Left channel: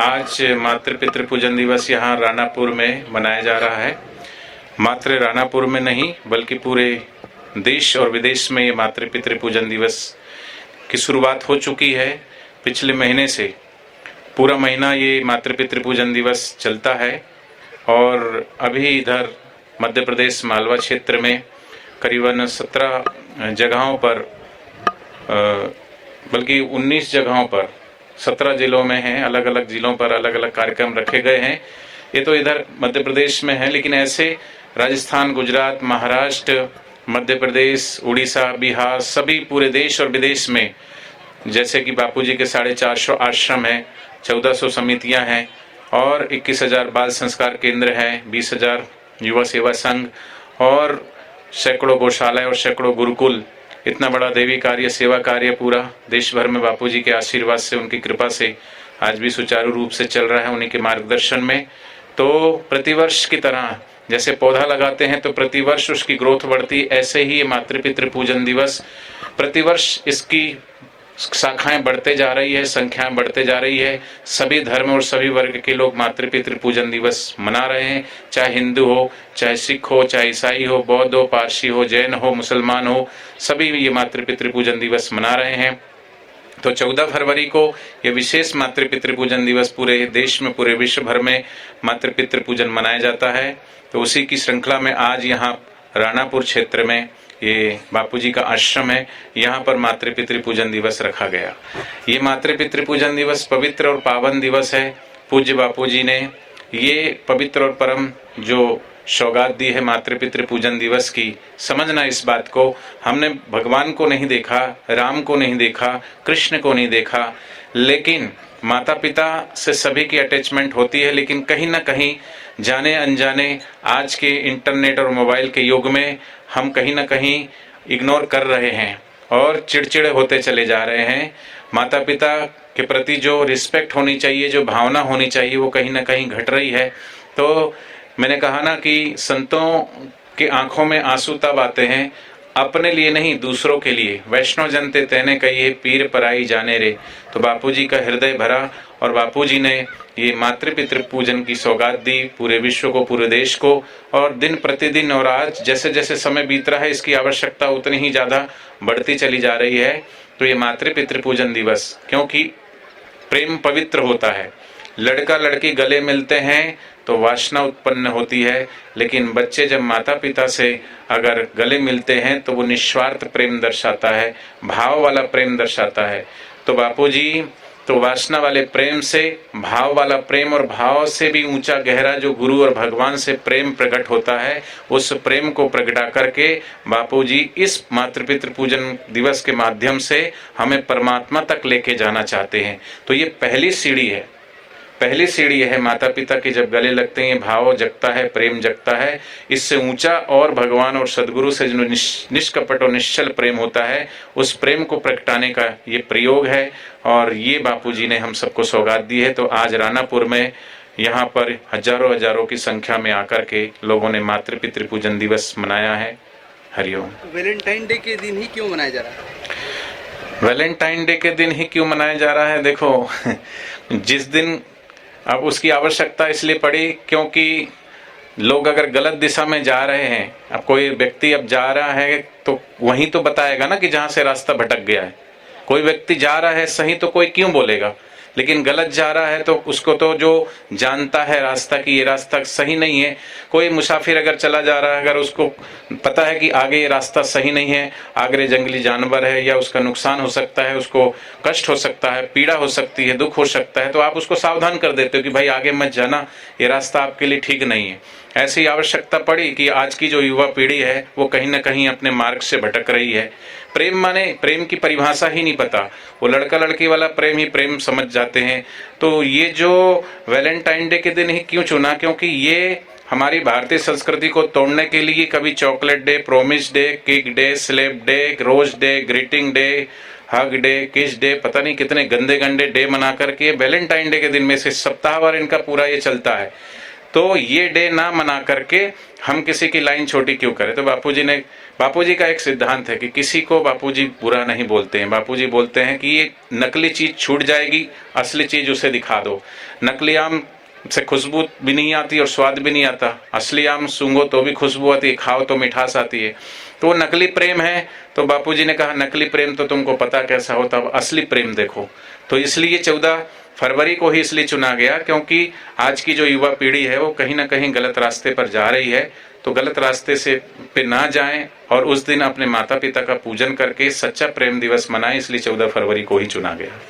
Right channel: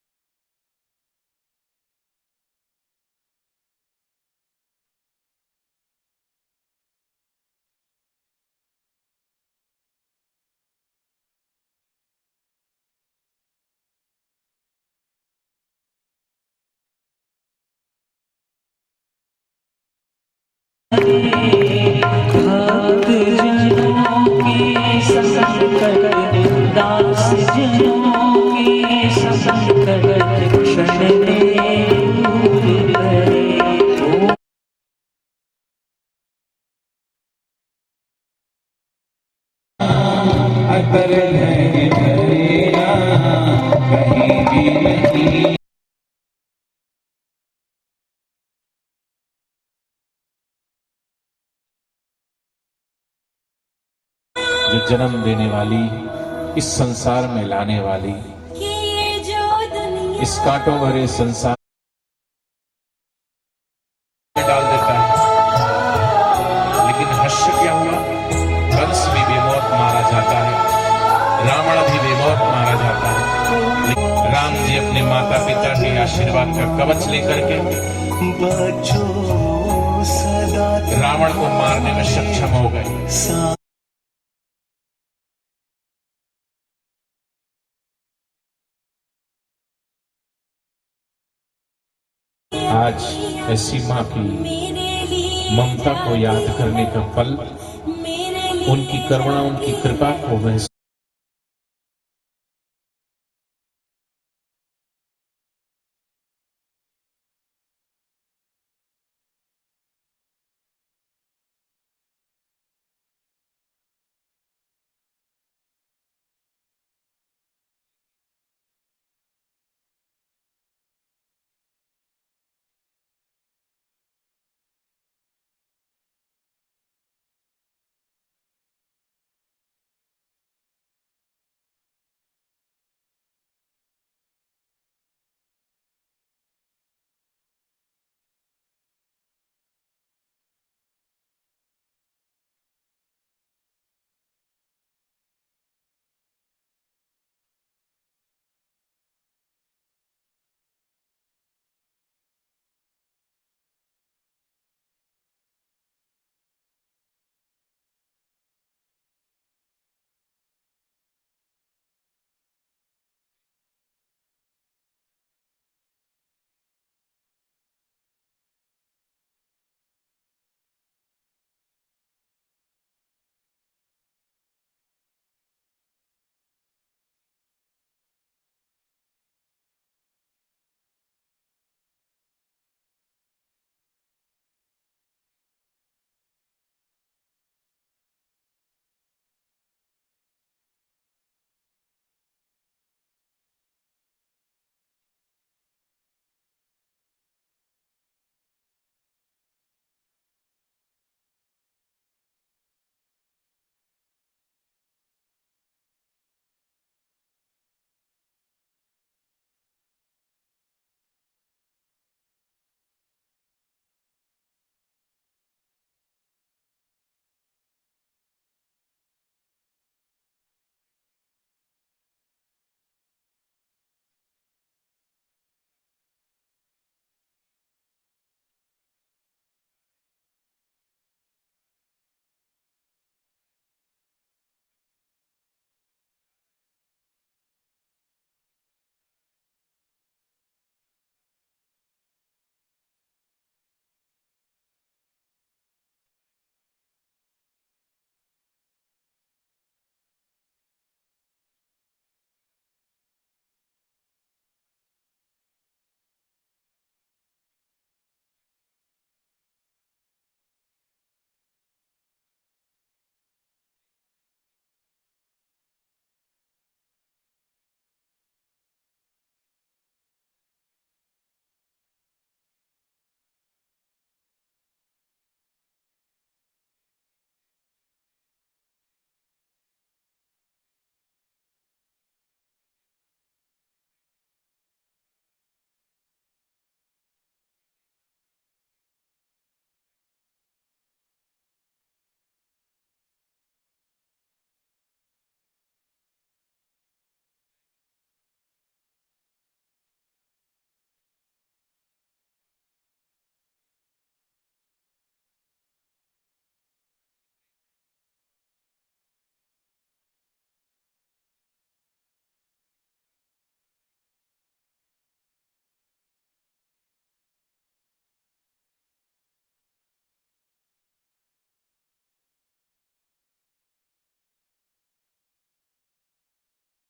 आज मातृ पितृ पूजन दिवस यहाँ रानापुर में मनाया जा रहा है। मात्र रानापुर में नहीं बल्कि पूरे देश और विदेश में ये मातृ पितृ पूजन दिवस की शुरुआत हो चुकी है। पिछले महीने से पूरा महीना ये मातृ पितृ पूजन दिवस चलता है और अभी इधर मध्य प्रदेश मालवा क्षेत्र में करीबन 17 जगहों पर बल्कि 19 जगहों पर 17 जिलों में है, अलग अलग जिलों पर अलग अलग कार्यक्रम रखे गए हैं। ये तो इधर मध्य प्रदेश में है, लेकिन ऐसे राजस्थान, गुजरात, महाराष्ट्र, मध्य प्रदेश, उड़ीसा, बिहार, सभी पूरे देश और विदेश में, जैसे कि बापूजी के 450 आश्रम है, 1400 समितियां हैं और 21,000 बाल संस्कार केंद्र हैं, 20,000 युवा सेवा संघ और सैकड़ों गौशालाएं और सैकड़ों गुरुकुल। इतना बड़ा देवी कार्य, सेवा कार्य पूरा देश भर में बापूजी के आशीर्वाद से, उनकी कृपा से आज भी सुचारू रूप से चल रहा है उन्हीं के मार्गदर्शन में। तो प्रतिवर्ष की तरह जैसे पौधा लगाते हैं तो प्रतिवर्ष उसकी ग्रोथ बढ़ती, ऐसे ही मातृ पितृ पूजन दिवस प्रतिवर्ष इसकी शाखाएं बढ़ते जा रही है, संख्या बढ़ते जा रही है। सभी धर्म और सभी वर्ग के लोग मातृ पितृ पूजन दिवस मना रहे हैं, चाहे हिंदू हो, चाहे सिख हो, चाहे ईसाई हो, बौद्ध हो, पारसी हो, जैन हो, मुसलमान हो, सभी ये मातृ पितृ पूजन दिवस मना रहे हैं। तो 14 फरवरी को ये विशेष मातृ पितृ पूजन दिवस पूरे देश में, पूरे विश्व भर में मातृ पितृ पूजन मनाया जाता है। तो उसी की श्रृंखला में आज यहाँ रानापुर क्षेत्र में ये बापूजी का आश्रम है, यहाँ पर मातृ पितृ पूजन दिवस रखा गया। ये मातृ पितृ पूजन दिवस पवित्र और पावन दिवस है। पूज्य बापूजी ने ये पवित्र और परम जो सौगात दी है मातृ पितृ पूजन दिवस की, समझना इस बात को, हमने भगवान को नहीं देखा, राम को नहीं देखा, कृष्ण को नहीं देखा, लेकिन माता पिता से सभी की अटैचमेंट होती है, लेकिन कहीं ना कहीं जाने अनजाने आज के इंटरनेट और मोबाइल के युग में हम कहीं ना कहीं इग्नोर कर रहे हैं और चिड़चिड़े होते चले जा रहे हैं। माता पिता के प्रति जो रिस्पेक्ट होनी चाहिए, जो भावना होनी चाहिए, वो कहीं ना कहीं घट रही है। तो मैंने कहा ना कि संतों की आंखों में आंसू तब आते हैं अपने लिए नहीं, दूसरों के लिए। वैष्णव जनते तेने कहिए पीर पराई जाने रे। तो बापूजी का हृदय भरा और बापूजी ने ये मातृ पितृ पूजन की सौगात दी पूरे विश्व को, पूरे देश को। और दिन प्रतिदिन और आज जैसे जैसे समय बीत रहा है इसकी आवश्यकता उतनी ही ज्यादा बढ़ती चली जा रही है। तो ये मातृ पितृ पूजन दिवस, क्योंकि प्रेम पवित्र होता है, लड़का लड़की गले मिलते हैं तो वासना उत्पन्न होती है, लेकिन बच्चे जब माता पिता से अगर गले मिलते हैं तो वो निस्वार्थ प्रेम दर्शाता है, भाव वाला प्रेम दर्शाता है। तो बापूजी तो वासना वाले प्रेम से भाव वाला प्रेम, और भाव से भी ऊंचा गहरा जो गुरु और भगवान से प्रेम प्रकट होता है, उस प्रेम को प्रगटा करके बापूजी इस मातृ पितृ पूजन दिवस के माध्यम से हमें परमात्मा तक लेके जाना चाहते हैं। तो ये पहली सीढ़ी है, पहली सीढ़ी है। माता पिता के जब गले लगते हैं भाव जगता है, प्रेम जगता है। इससे ऊंचा और भगवान और सदगुरु से जो निष्कपट और निश्चल प्रेम होता है, उस प्रेम को प्रगटाने का ये प्रयोग है और ये बापूजी ने हम सबको सौगात दी है। तो आज रानापुर में यहाँ पर हजारों हजारों की संख्या में आकर के लोगों ने मातृ पितृ पूजन दिवस मनाया है। हरिओम। वैलेंटाइन डे के दिन ही क्यों मनाया जा रहा है? वैलेंटाइन डे के दिन ही क्यों मनाया जा रहा है? देखो जिस दिन अब उसकी आवश्यकता इसलिए पड़ी क्योंकि लोग अगर गलत दिशा में जा रहे हैं, अब कोई व्यक्ति अब जा रहा है तो वहीं तो बताएगा ना कि जहां से रास्ता भटक गया है। कोई व्यक्ति जा रहा है सही तो कोई क्यों बोलेगा, लेकिन गलत जा रहा है तो उसको तो जो जानता है रास्ता कि ये रास्ता सही नहीं है। कोई मुसाफिर अगर चला जा रहा है, अगर उसको पता है कि आगे ये रास्ता सही नहीं है, आगे जंगली जानवर है या उसका नुकसान हो सकता है, उसको कष्ट हो सकता है, पीड़ा हो सकती है, दुख हो सकता है, तो आप उसको सावधान कर देते हो कि भाई आगे मत जाना, ये रास्ता आपके लिए ठीक नहीं है। ऐसी आवश्यकता पड़ी कि आज की जो युवा पीढ़ी है वो कहीं ना कहीं अपने मार्ग से भटक रही है। प्रेम माने प्रेम की परिभाषा ही नहीं पता, वो लड़का लड़की वाला प्रेम ही प्रेम समझ जाते हैं। तो ये जो वैलेंटाइन डे के दिन ही क्यों चुना, क्योंकि ये हमारी भारतीय संस्कृति को तोड़ने के लिए कभी chocolate day, promise day, cake day, slap day, rose day, greeting day, hug day, kiss day, पता नहीं कितने गंदे गंदे डे मना करके वैलेंटाइन डे के दिन में से सप्ताहभर इनका पूरा ये चलता है। तो ये डे ना मना करके हम किसी की लाइन छोटी क्यों करें। तो बापूजी का एक सिद्धांत है कि किसी को बापूजी बुरा नहीं बोलते हैं। बापूजी बोलते हैं कि ये नकली चीज छूट जाएगी, असली चीज उसे दिखा दो। नकली आम से खुशबू भी नहीं आती और स्वाद भी नहीं आता, असली आम सूंघो तो भी खुशबू आती है, खाओ तो मिठास आती है। तो वो नकली प्रेम है। तो बापूजी ने कहा नकली प्रेम तो तुमको पता कैसा होता, अब असली प्रेम देखो। तो इसलिए 14 फरवरी को ही इसलिए चुना गया क्योंकि आज की जो युवा पीढ़ी है वो कहीं ना कहीं गलत रास्ते पर जा रही है। तो गलत रास्ते से पे ना जाएं और उस दिन अपने माता पिता का पूजन करके सच्चा प्रेम दिवस मनाएं, इसलिए 14 फरवरी को ही चुना गया।